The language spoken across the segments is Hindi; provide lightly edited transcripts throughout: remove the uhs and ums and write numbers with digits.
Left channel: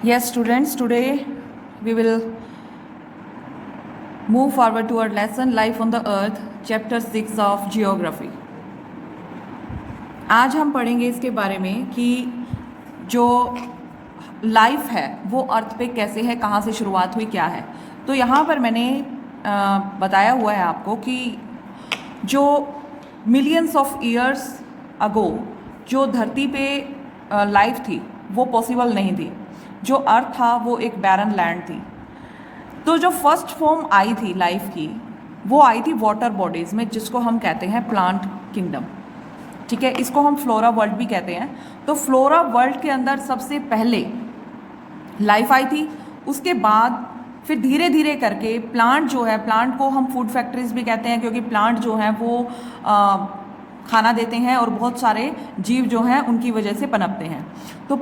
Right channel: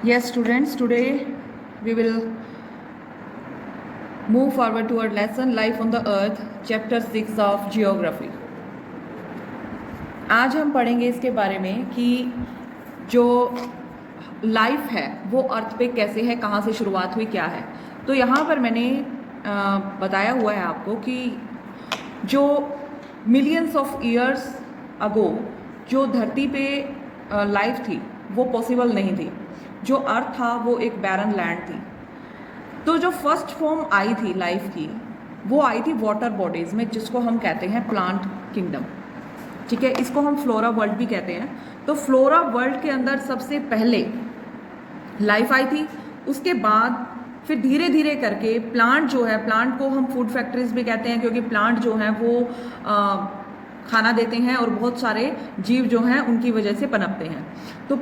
Yes, students, today we will move forward to our lesson Life on the Earth, Chapter 6 of Geography. आज हम पढ़ेंगे इसके बारे में कि जो लाइफ है वो अर्थ पे कैसे है, कहाँ से शुरुआत हुई, क्या है। तो यहाँ पर मैंने बताया हुआ है आपको कि जो मिलियंस ऑफ ईयर्स अगो जो धरती पे लाइफ थी वो पॉसिबल नहीं थी। जो अर्थ था वो एक बैरन लैंड थी। तो जो फर्स्ट फॉर्म आई थी लाइफ की वो आई थी वाटर बॉडीज में, जिसको हम कहते हैं प्लांट किंगडम। ठीक है, इसको हम फ्लोरा वर्ल्ड भी कहते हैं। तो फ्लोरा वर्ल्ड के अंदर सबसे पहले लाइफ आई थी। उसके बाद फिर धीरे धीरे करके प्लांट जो है, प्लांट को हम फूड फैक्ट्रीज भी कहते हैं, क्योंकि प्लांट जो हैं वो खाना देते हैं और बहुत सारे जीव जो हैं उनकी वजह से पनपते हैं। तो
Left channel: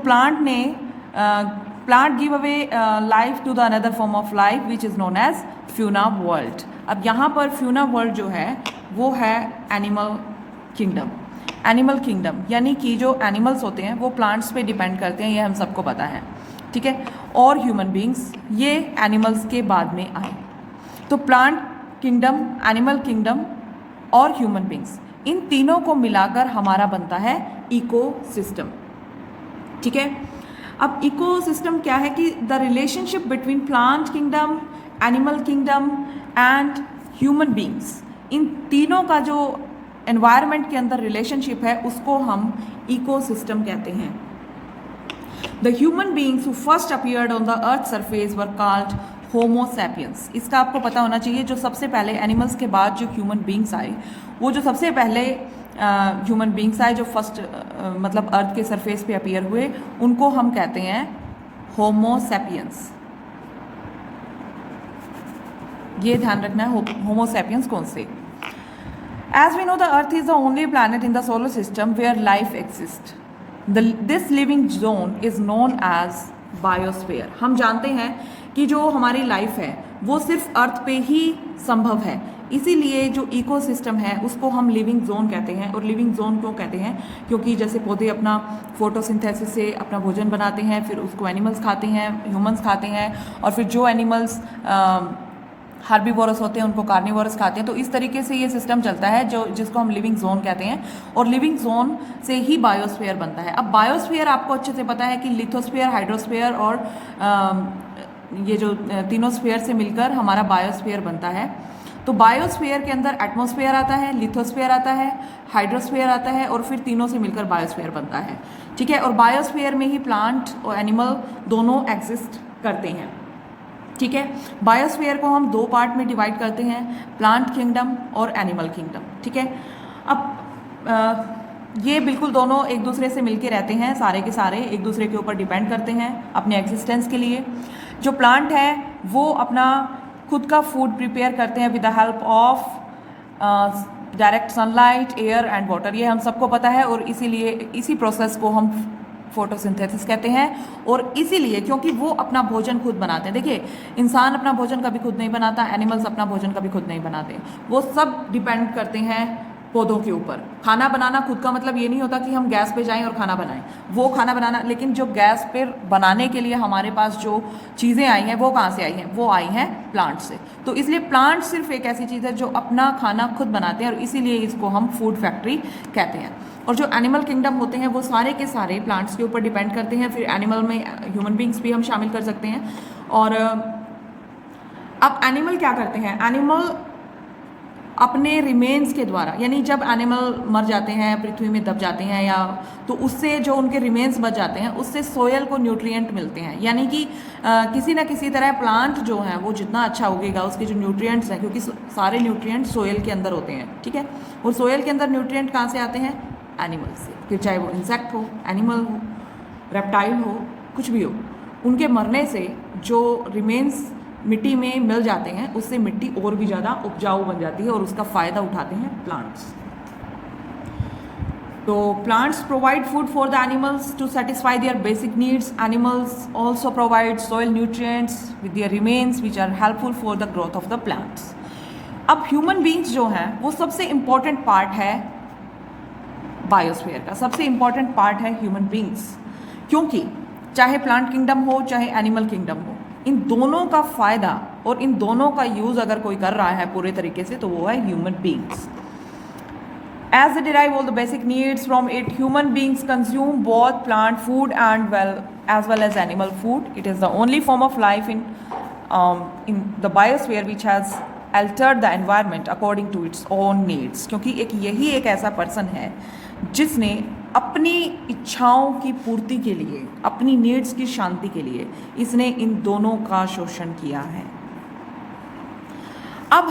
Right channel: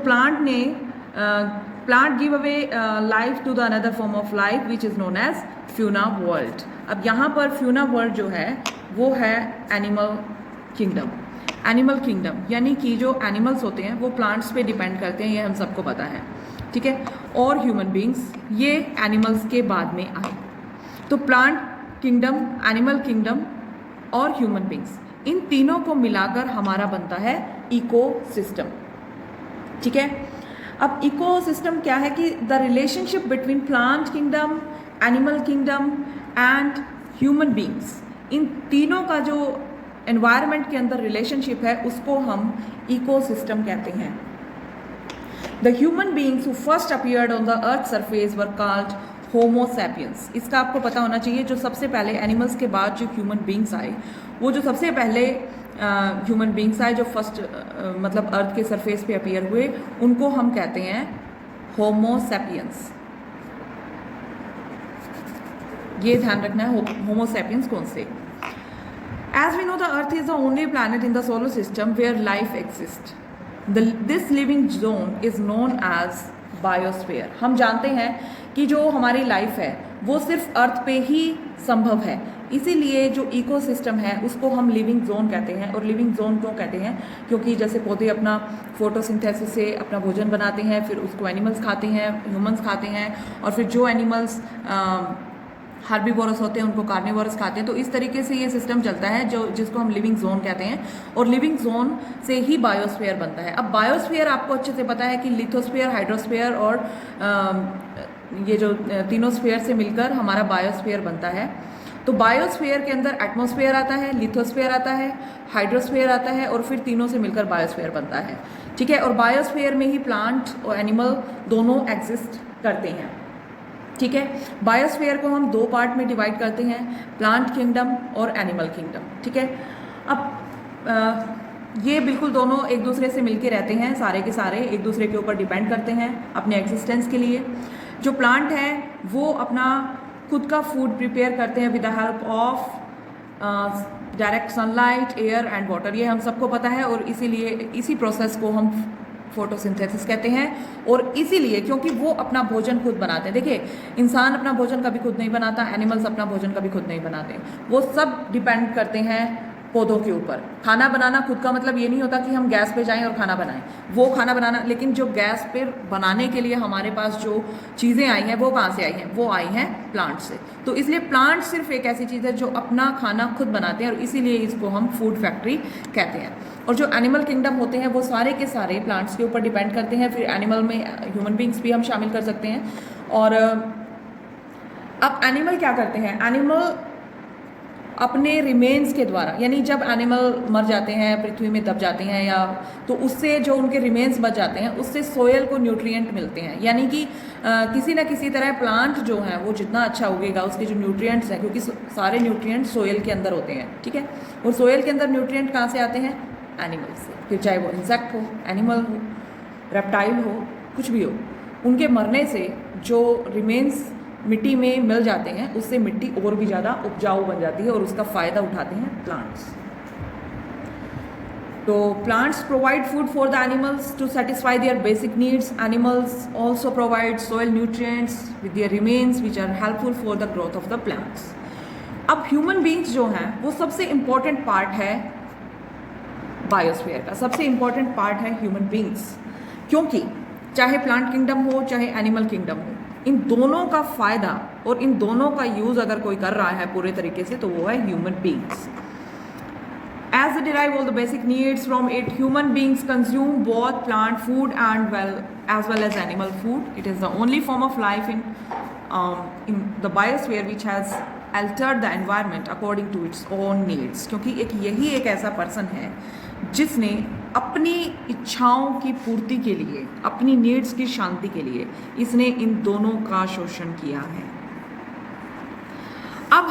plant give away life to the another form of life which is known as fauna world. अब यहाँ पर फ्यूना वर्ल्ड जो है वो है एनिमल किंगडम। एनिमल किंगडम यानी कि जो एनिमल्स होते हैं वो प्लांट्स पे डिपेंड करते हैं, ये हम सबको पता है। ठीक है, और ह्यूमन बींग्स ये एनिमल्स के बाद में आए। तो प्लांट किंगडम, एनिमल किंगडम और ह्यूमन बींग्स, इन तीनों को मिलाकर हमारा बनता है इकोसिस्टम। ठीक है, अब इकोसिस्टम क्या है कि the relationship between plant kingdom, animal kingdom and human beings, इन तीनों का जो एनवायरनमेंट के अंदर रिलेशनशिप है उसको हम इकोसिस्टम कहते हैं। The human beings who first appeared on the earth surface were called Homo sapiens. इसका आपको पता होना चाहिए, जो सबसे पहले एनिमल्स के बाद जो ह्यूमन बींग्स आए, वो जो सबसे पहले ह्यूमन बींग्स आए जो फर्स्ट मतलब अर्थ के सरफेस पे अपीयर हुए, उनको हम कहते हैं होमो सैपियंस। ये ध्यान रखना है होमो सैपियंस कौन से। As we know, the Earth is the only planet in the solar system where life exists. This living zone is known as biosphere. हम जानते हैं कि जो हमारी लाइफ है वो सिर्फ अर्थ पे ही संभव है, इसीलिए जो इकोसिस्टम है उसको हम लिविंग जोन कहते हैं। और लिविंग जोन क्यों कहते हैं, क्योंकि जैसे पौधे अपना फोटोसिंथेसिस से अपना भोजन बनाते हैं, फिर उसको एनिमल्स खाते हैं, ह्यूमंस खाते हैं, और फिर जो एनिमल्स हार्बीवोरस होते हैं उनको कार्निवोरस खाते हैं। तो इस तरीके से ये सिस्टम चलता है जो जिसको हम लिविंग जोन कहते हैं, और लिविंग जोन से ही बायोस्फीयर बनता है। अब बायोस्फीयर आपको अच्छे से पता है कि लिथोस्फीयर, हाइड्रोस्फीयर और ये जो तीनों स्फीयर से मिलकर हमारा बायोस्फीयर बनता है। तो बायोस्फीयर के अंदर एटमॉस्फेयर आता है, लिथोस्फीयर आता है, हाइड्रोस्फीयर आता है, और फिर तीनों से मिलकर बायोस्फीयर बनता है। ठीक है, और बायोस्फीयर में ही प्लांट और एनिमल दोनों एग्जिस्ट करते हैं। ठीक है, बायोस्फीयर को हम दो पार्ट में डिवाइड करते हैं, प्लांट किंगडम और एनिमल किंगडम। ठीक है, अब ये बिल्कुल दोनों एक दूसरे से मिलके रहते हैं, सारे के सारे एक दूसरे के ऊपर डिपेंड करते हैं अपने एग्जिस्टेंस के लिए। जो प्लांट है वो अपना खुद का फूड प्रिपेयर करते हैं with the help of direct sunlight, air and water, ये हम सबको पता है। और इसीलिए इसी प्रोसेस को हम फोटोसिंथेसिस कहते हैं। और इसीलिए क्योंकि वो अपना भोजन खुद बनाते हैं। देखिए, इंसान अपना भोजन कभी खुद नहीं बनाता, एनिमल्स अपना भोजन कभी खुद नहीं बनाते, वो सब डिपेंड करते हैं पौधों के ऊपर। खाना बनाना खुद का मतलब ये नहीं होता कि हम गैस पे जाएं और खाना बनाएं, वो खाना बनाना, लेकिन जो गैस पे बनाने के लिए हमारे पास जो चीज़ें आई हैं वो कहाँ से आई हैं, वो आई हैं प्लांट से। तो इसलिए प्लांट सिर्फ एक ऐसी चीज़ है जो अपना खाना खुद बनाते हैं, और इसीलिए इसको हम फूड फैक्ट्री कहते हैं। और जो एनिमल किंगडम होते हैं वो सारे के सारे प्लांट्स के ऊपर डिपेंड करते हैं। फिर एनिमल में ह्यूमन बींग्स भी हम शामिल कर सकते हैं। और अब एनिमल क्या करते हैं, एनिमल अपने रिमेन्स के द्वारा, यानी जब एनिमल मर जाते हैं, पृथ्वी में दब जाते हैं, या तो उससे जो उनके रिमेन्स बच जाते हैं उससे सोयल को न्यूट्रिएंट मिलते हैं। यानी कि किसी न किसी तरह प्लांट जो है वो जितना अच्छा उगेगा उसके जो न्यूट्रिएंट्स हैं, क्योंकि सारे न्यूट्रिएंट्स सोयल के अंदर होते हैं। ठीक है, और सोयल के अंदर न्यूट्रिएंट कहाँ से आते हैं, एनिमल से। फिर चाहे वो इंसेक्ट हो, एनिमल हो, रेप्टाइल हो, कुछ भी हो, उनके मरने से जो रिमेन्स मिट्टी में मिल जाते हैं उससे मिट्टी और भी ज़्यादा उपजाऊ बन जाती है, और उसका फ़ायदा उठाते हैं प्लांट्स। तो plants provide food for the animals to satisfy their basic needs. Animals also provide soil nutrients with their remains which are helpful for the growth of the plants. अब ह्यूमन बींग्स जो हैं वो सबसे इम्पॉर्टेंट पार्ट है बायोस्फीयर का, सबसे इम्पॉर्टेंट पार्ट है ह्यूमन बींग्स, क्योंकि चाहे प्लांट किंगडम हो चाहे एनिमल किंगडम हो, इन दोनों का फ़ायदा और इन दोनों का यूज़ अगर कोई कर रहा है पूरे तरीके से तो वो है human beings. As they derive all the basic needs from it, human beings consume both plant food and as well as animal food. It is the only form of life in the biosphere which has altered the environment according to its own needs. क्योंकि यही एक ऐसा पर्सन है जिसने अपनी इच्छाओं की पूर्ति के लिए, अपनी नीड्स की शांति के लिए इसने इन दोनों का शोषण किया है. अब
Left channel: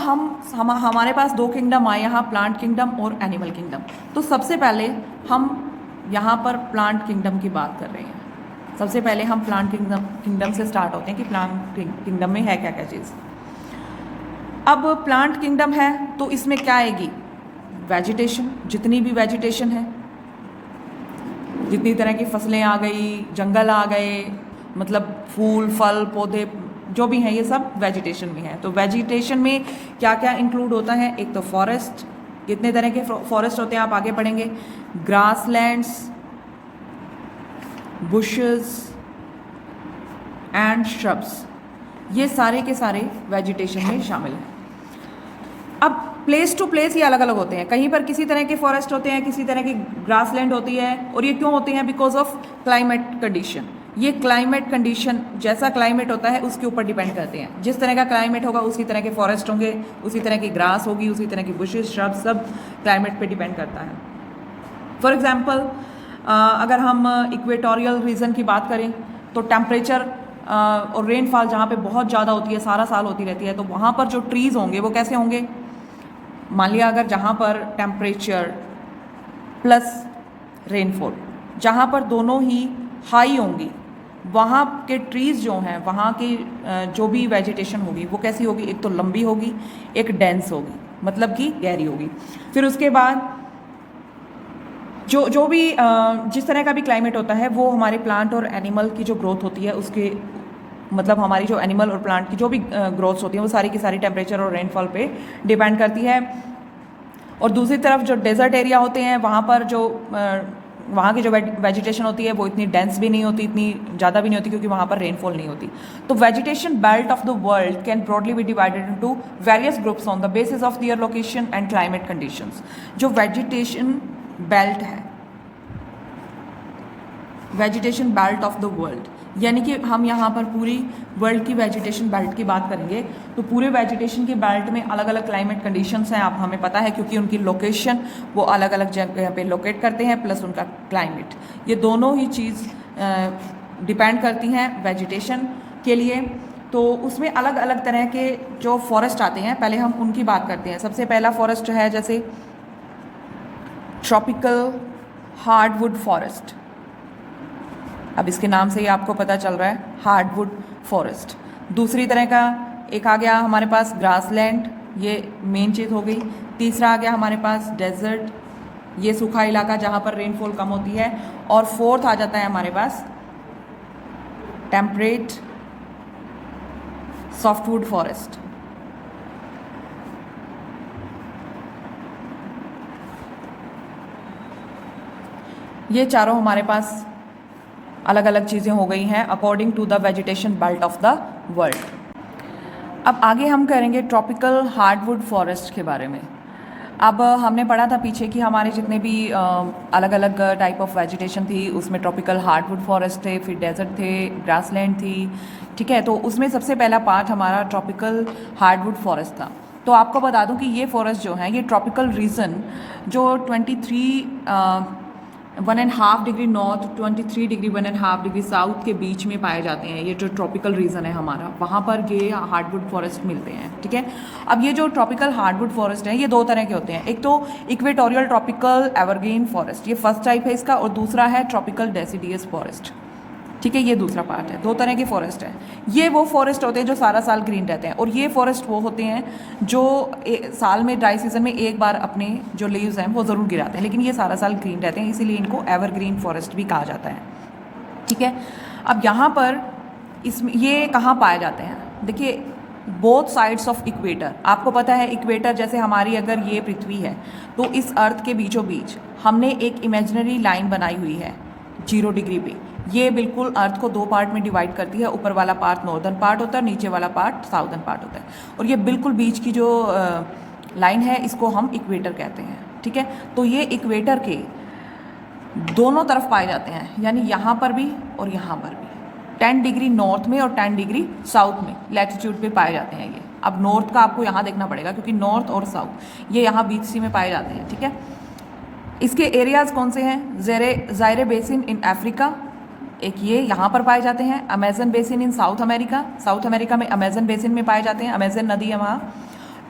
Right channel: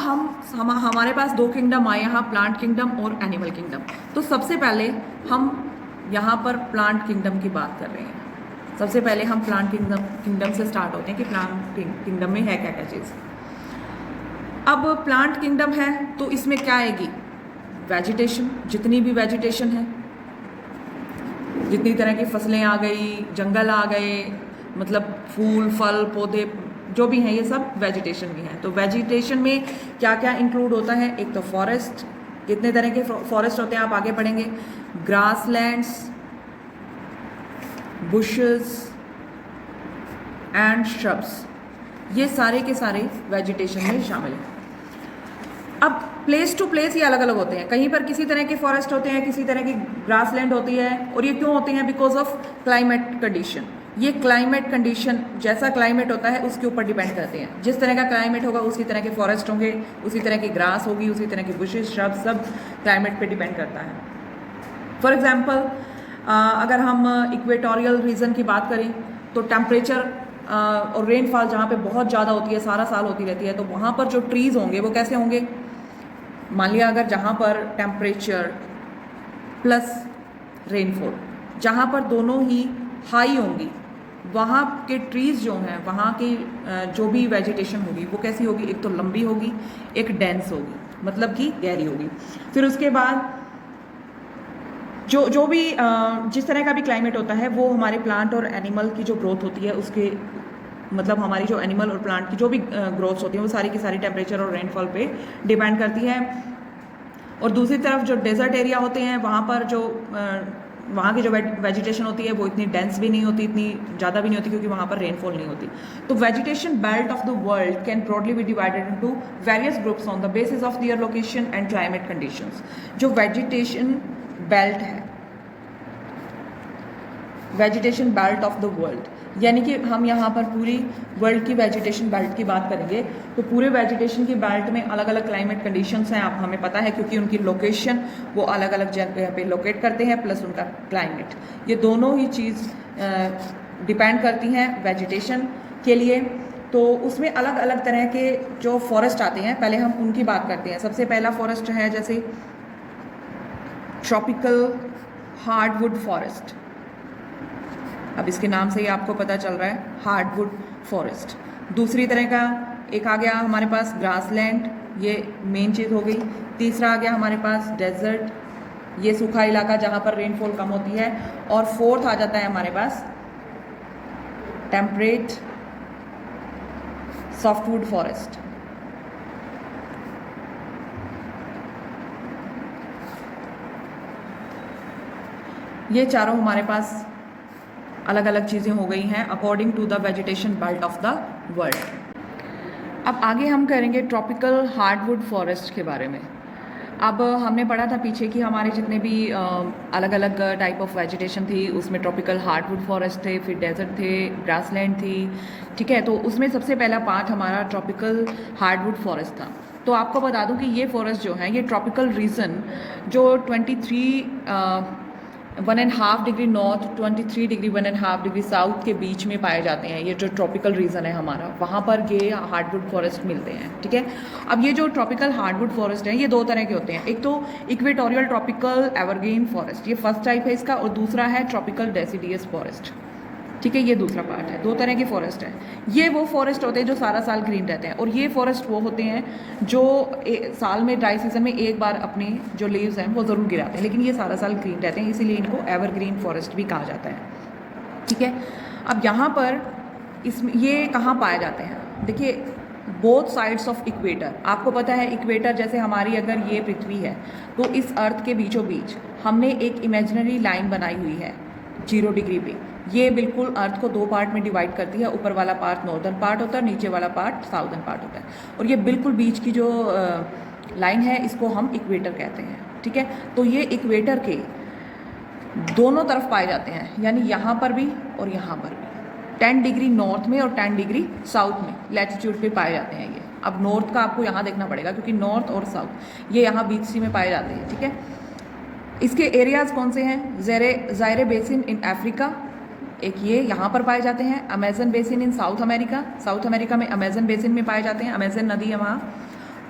हमारे पास दो किंगडम आए यहाँ, प्लांट किंगडम और एनिमल किंगडम. तो सबसे पहले हम यहाँ पर प्लांट किंगडम की बात कर रहे हैं. सबसे पहले हम प्लांट किंगडम से स्टार्ट होते हैं कि प्लांट किंगडम में है क्या क्या चीज़. अब प्लांट किंगडम है तो इसमें क्या आएगी? वेजिटेशन, जितनी भी वेजिटेशन है, जितनी तरह की फसलें आ गई, जंगल आ गए, मतलब फूल फल पौधे जो भी हैं ये सब वेजिटेशन में है. तो वेजिटेशन में क्या क्या इंक्लूड होता है? एक तो फॉरेस्ट, कितने तरह के फॉरेस्ट होते हैं आप आगे पढ़ेंगे. ग्रासलैंड्स, बुशेस एंड श्रब्स, ये सारे के सारे वेजिटेशन में शामिल हैं. अब प्लेस टू प्लेस ये अलग अलग होते हैं. कहीं पर किसी तरह के फॉरेस्ट होते हैं, किसी तरह की ग्रासलैंड होती है. और ये क्यों होते हैं? Because of climate condition. ये क्लाइमेट कंडीशन, जैसा क्लाइमेट होता है उसके ऊपर डिपेंड करते हैं. जिस तरह का क्लाइमेट होगा उसी तरह के फॉरेस्ट होंगे, उसी तरह की ग्रास होगी, उसी तरह के बुशेस श्रब, सब क्लाइमेट पे डिपेंड करता है. फॉर एग्जांपल अगर हम इक्वेटोरियल रीजन की बात करें तो टेम्परेचर और रेनफॉल जहाँ पे बहुत ज़्यादा होती है, सारा साल होती रहती है, तो वहाँ पर जो ट्रीज़ होंगे वो कैसे होंगे? मान लिया अगर जहाँ पर टेम्परेचर प्लस रेनफॉल, जहाँ पर दोनों ही हाई होंगी, वहाँ के ट्रीज़ जो हैं, वहाँ की जो भी वेजिटेशन होगी वो कैसी होगी? एक तो लंबी होगी, एक डेंस होगी, मतलब कि गहरी होगी. फिर उसके बाद जो भी जिस तरह का भी क्लाइमेट होता है वो हमारे प्लांट और एनिमल की जो ग्रोथ होती है उसके, मतलब हमारी जो एनिमल और प्लांट की जो भी ग्रोथ्स होती हैं वो सारी की सारी टेम्परेचर और रेनफॉल पे डिपेंड करती है. और दूसरी तरफ जो डेजर्ट एरिया होते हैं वहाँ पर जो वहाँ की जो वेजिटेशन होती है वो इतनी डेंस भी नहीं होती, इतनी ज़्यादा भी नहीं होती, क्योंकि वहाँ पर रेनफॉल नहीं होती. तो vegetation belt of the world can broadly be divided into various groups on the basis of their location and climate conditions. जो वेजिटेशन बेल्ट है, vegetation belt of the world, यानी कि हम यहाँ पर पूरी वर्ल्ड की वेजिटेशन बेल्ट की बात करेंगे तो पूरे वेजिटेशन की बेल्ट में अलग अलग क्लाइमेट कंडीशंस हैं, आप हमें पता है, क्योंकि उनकी लोकेशन वो अलग अलग जगह पे लोकेट करते हैं, प्लस उनका क्लाइमेट, ये दोनों ही चीज़ डिपेंड करती हैं वेजिटेशन के लिए. तो उसमें अलग अलग तरह के जो फॉरेस्ट आते हैं, पहले हम उनकी बात करते हैं. सबसे पहला फॉरेस्ट है जैसे ट्रॉपिकल हार्डवुड फॉरेस्ट. अब इसके नाम से ही आपको पता चल रहा है हार्डवुड फॉरेस्ट. दूसरी तरह का एक आ गया हमारे पास ग्रासलैंड, ये मेन चीज़ हो गई. तीसरा आ गया हमारे पास डेजर्ट, ये सूखा इलाका जहाँ पर रेनफॉल कम होती है. और फोर्थ आ जाता है हमारे पास टेम्परेट सॉफ्टवुड फॉरेस्ट. ये चारों हमारे पास अलग अलग चीज़ें हो गई हैं according to the vegetation belt of the world. अब आगे हम करेंगे ट्रॉपिकल हार्डवुड फॉरेस्ट के बारे में. अब हमने पढ़ा था पीछे कि हमारे जितने भी अलग अलग टाइप ऑफ वेजिटेशन थी उसमें ट्रॉपिकल हार्डवुड फॉरेस्ट थे, फिर डेजर्ट थे, ग्रासलैंड थी, ठीक है. तो उसमें सबसे पहला पार्ट हमारा ट्रॉपिकल हार्डवुड फॉरेस्ट था. तो आपको बता दूं कि ये फॉरेस्ट जो है, ये ट्रॉपिकल रीजन जो 1.5 degree north, 23 degree 1.5 degree south के बीच में पाए जाते हैं. ये जो ट्रॉपिकल रीजन है हमारा, वहाँ पर ये हार्डवुड फॉरेस्ट मिलते हैं, ठीक है. अब ये जो ट्रॉपिकल हार्डवुड फॉरेस्ट है ये दो तरह के होते हैं. एक तो इक्वेटोरियल ट्रॉपिकल एवरग्रीन फॉरेस्ट, ये फर्स्ट टाइप है इसका, और दूसरा है ट्रॉपिकल डेसिडियस फॉरेस्ट, ठीक है. ये दूसरा पार्ट है. दो तरह के फॉरेस्ट है. ये वो फॉरेस्ट होते हैं जो सारा साल ग्रीन रहते हैं, और ये फॉरेस्ट वो होते हैं जो साल में ड्राई सीजन में एक बार अपने जो लीव्स हैं वो ज़रूर गिराते हैं, लेकिन ये सारा साल ग्रीन रहते हैं, इसीलिए इनको एवरग्रीन फॉरेस्ट भी कहा जाता है, ठीक है. अब यहाँ पर इसमें ये कहाँ पाए जाते हैं? देखिए, बोथ साइड्स ऑफ इक्वेटर. आपको पता है इक्वेटर जैसे हमारी अगर ये पृथ्वी है तो इस अर्थ के बीचों बीच हमने एक इमेजिनरी लाइन बनाई हुई है 0 डिग्री पे. ये बिल्कुल अर्थ को 2 पार्ट में डिवाइड करती है। ऊपर वाला पार्ट नॉर्दर्न पार्ट होता है, नीचे वाला पार्ट साउदर्न पार्ट होता है। और ये बिल्कुल बीच की जो लाइन है इसको हम इक्वेटर कहते हैं, ठीक है। तो ये इक्वेटर के दोनों तरफ पाए जाते हैं, यानी यहाँ पर भी और यहाँ पर भी। 10 डिग्री नॉर्थ में और 10 डिग्री साउथ में लैटिट्यूड पे पाए जाते हैं ये। अब नॉर्थ का आपको यहाँ देखना पड़ेगा, क्योंकि नॉर्थ और साउथ ये यहाँ बीच सी में पाए जाते हैं, ठीक है। इसके एरियाज कौन से हैं? ज़ायरे बेसिन इन अफ्रीका, एक ये यहाँ पर पाए जाते हैं। अमेजन बेसिन इन साउथ अमेरिका, साउथ अमेरिका में अमेजन बेसिन में पाए जाते हैं, अमेजन नदी है वहाँ।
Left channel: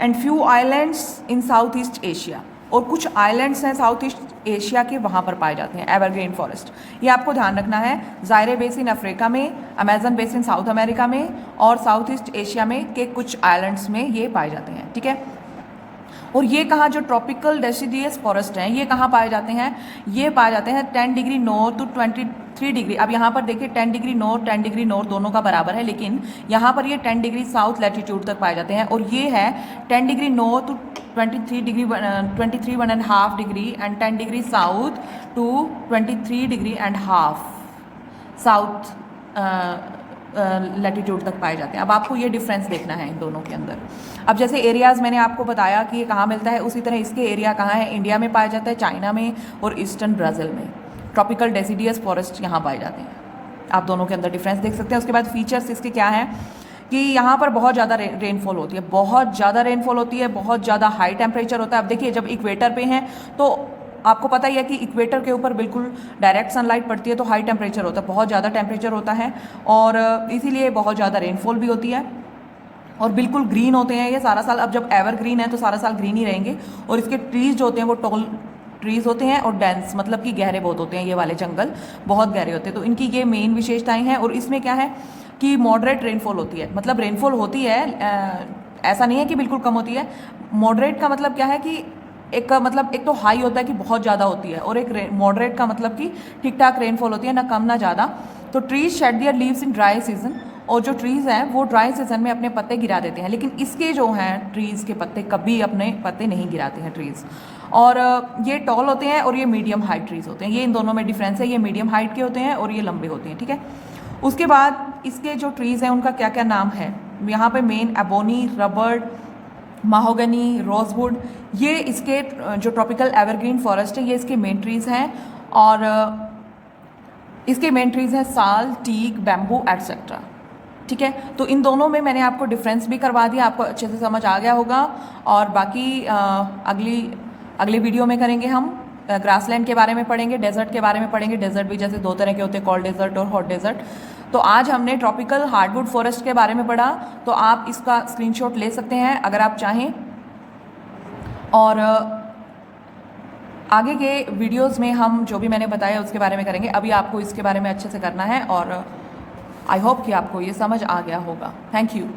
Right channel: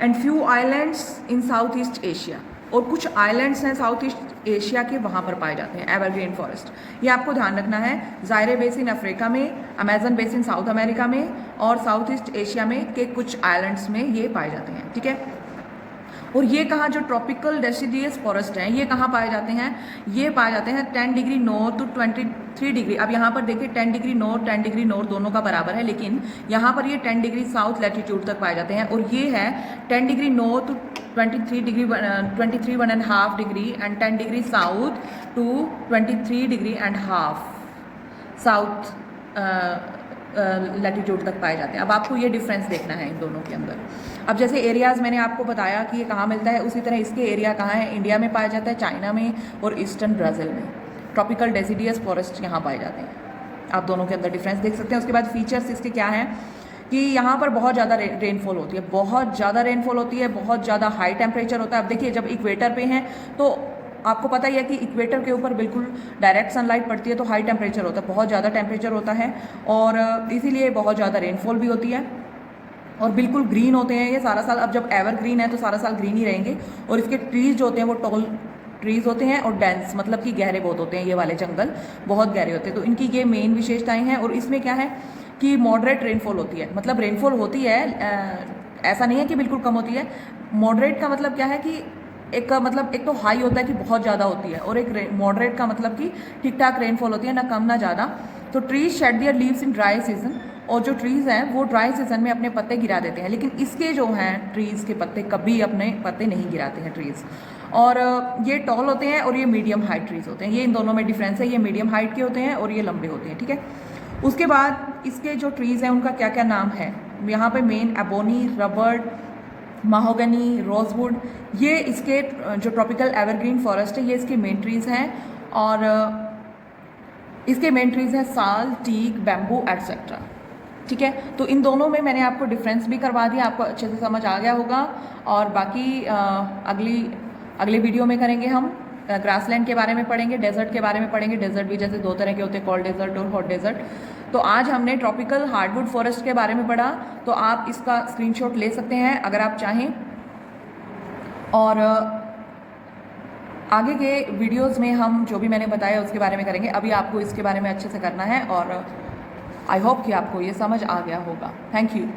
And few islands in south east Asia, और कुछ आइलैंड्स हैं साउथ ईस्ट एशिया के, वहाँ पर पाए जाते हैं एवरग्रीन फॉरेस्ट। ये आपको ध्यान रखना है। ज़ायरे बेसिन अफ्रीका में, अमेजन बेसिन साउथ अमेरिका में, और साउथ ईस्ट एशिया में के कुछ आइलैंड्स में ये पाए जाते हैं, ठीक है। और ये कहाँ, जो ट्रॉपिकल डेसिडियस फॉरेस्ट हैं, ये कहाँ पाए जाते हैं? ये पाए जाते हैं 10 डिग्री नॉर्थ टू 23 डिग्री। अब यहाँ पर देखिए 10 डिग्री नॉर्थ 10 डिग्री नॉर्थ दोनों का बराबर है, लेकिन यहाँ पर ये 10 डिग्री साउथ लैटिट्यूड तक पाए जाते हैं। और ये है 10 degree north to 23 degree 23.5 degree and 10 degree south to 23 degree and half south latitude तक पाए जाते हैं। अब आपको ये डिफरेंस देखना है इन दोनों के अंदर। अब जैसे एरियाज़ मैंने आपको बताया कि ये कहाँ मिलता है, उसी तरह इसके एरिया कहाँ है? इंडिया में पाया जाता है, चाइना में और ईस्टर्न ब्राज़ील में। ट्रॉपिकल डेसिडियस फॉरेस्ट यहाँ पाए जाते हैं। आप दोनों के अंदर डिफरेंस देख सकते हैं। उसके बाद फीचर्स इसके क्या हैं कि यहाँ पर बहुत ज़्यादा रेनफॉल होती है, बहुत ज़्यादा रेनफॉल होती है, बहुत ज़्यादा हाई टेम्परेचर होता है। अब देखिए जब इक्वेटर पे हैं तो आपको पता ही है कि इक्वेटर के ऊपर बिल्कुल डायरेक्ट सनलाइट पड़ती है, तो हाई टेम्परेचर होता है, बहुत ज़्यादा टेम्परेचर होता है, और इसीलिए बहुत ज़्यादा रेनफॉल भी होती है। और बिल्कुल ग्रीन होते हैं ये सारा साल। अब जब एवरग्रीन है तो सारा साल ग्रीन ही रहेंगे। और इसके ट्रीज जो होते हैं वो टॉल ट्रीज होते हैं और डेंस, मतलब कि गहरे बहुत होते हैं। ये वाले जंगल बहुत गहरे होते हैं, तो इनकी ये मेन विशेषताएं हैं। और इसमें क्या है कि मॉडरेट रेनफॉल होती है, मतलब रेनफॉल होती है, ऐसा नहीं है कि बिल्कुल कम होती है। मॉडरेट का मतलब क्या है कि एक तो हाई होता है कि बहुत ज़्यादा होती है, और एक मॉडरेट का मतलब कि ठीक ठाक रेनफॉल होती है, ना कम ना ज़्यादा। तो trees shade there leaves in dry season, और जो ट्रीज़ हैं वो ड्राई सीजन में अपने पत्ते गिरा देते हैं, लेकिन इसके जो हैं ट्रीज़ के पत्ते कभी अपने पत्ते नहीं गिराते हैं ट्रीज़। और ये टॉल होते हैं और ये मीडियम हाइट ट्रीज़ होते हैं। ये इन दोनों में डिफरेंस है, ये मीडियम हाइट के होते हैं और ये लंबे होते हैं, ठीक है। उसके बाद इसके जो ट्रीज़ हैं उनका क्या क्या नाम है यहाँ पे? मेन एबोनी, रबर्ड, माहोगनी, रोजवुड, ये इसके जो ट्रॉपिकल एवरग्रीन फॉरेस्ट है ये इसके मेन ट्रीज़ हैं। और इसके मेन ट्रीज़ हैं साल, टीक, बैम्बू एटसेट्रा, ठीक है। तो इन दोनों में मैंने आपको डिफरेंस भी करवा दिया, आपको अच्छे से समझ आ गया होगा। और बाकी अगली वीडियो में करेंगे हम ग्रासलैंड के बारे में पढ़ेंगे, डेजर्ट के बारे में पढ़ेंगे। डेजर्ट भी जैसे 2 तरह के होते हैं, कोल्ड डेजर्ट और हॉट डेजर्ट। तो आज हमने ट्रॉपिकल हार्डवुड फॉरेस्ट के बारे में पढ़ा, तो आप इसका स्क्रीनशॉट ले सकते हैं अगर आप चाहें। और आगे के वीडियोस में हम जो भी मैंने बताया उसके बारे में करेंगे। अभी आपको इसके बारे में अच्छे से करना है, और आई होप कि आपको ये समझ आ गया होगा। Thank you.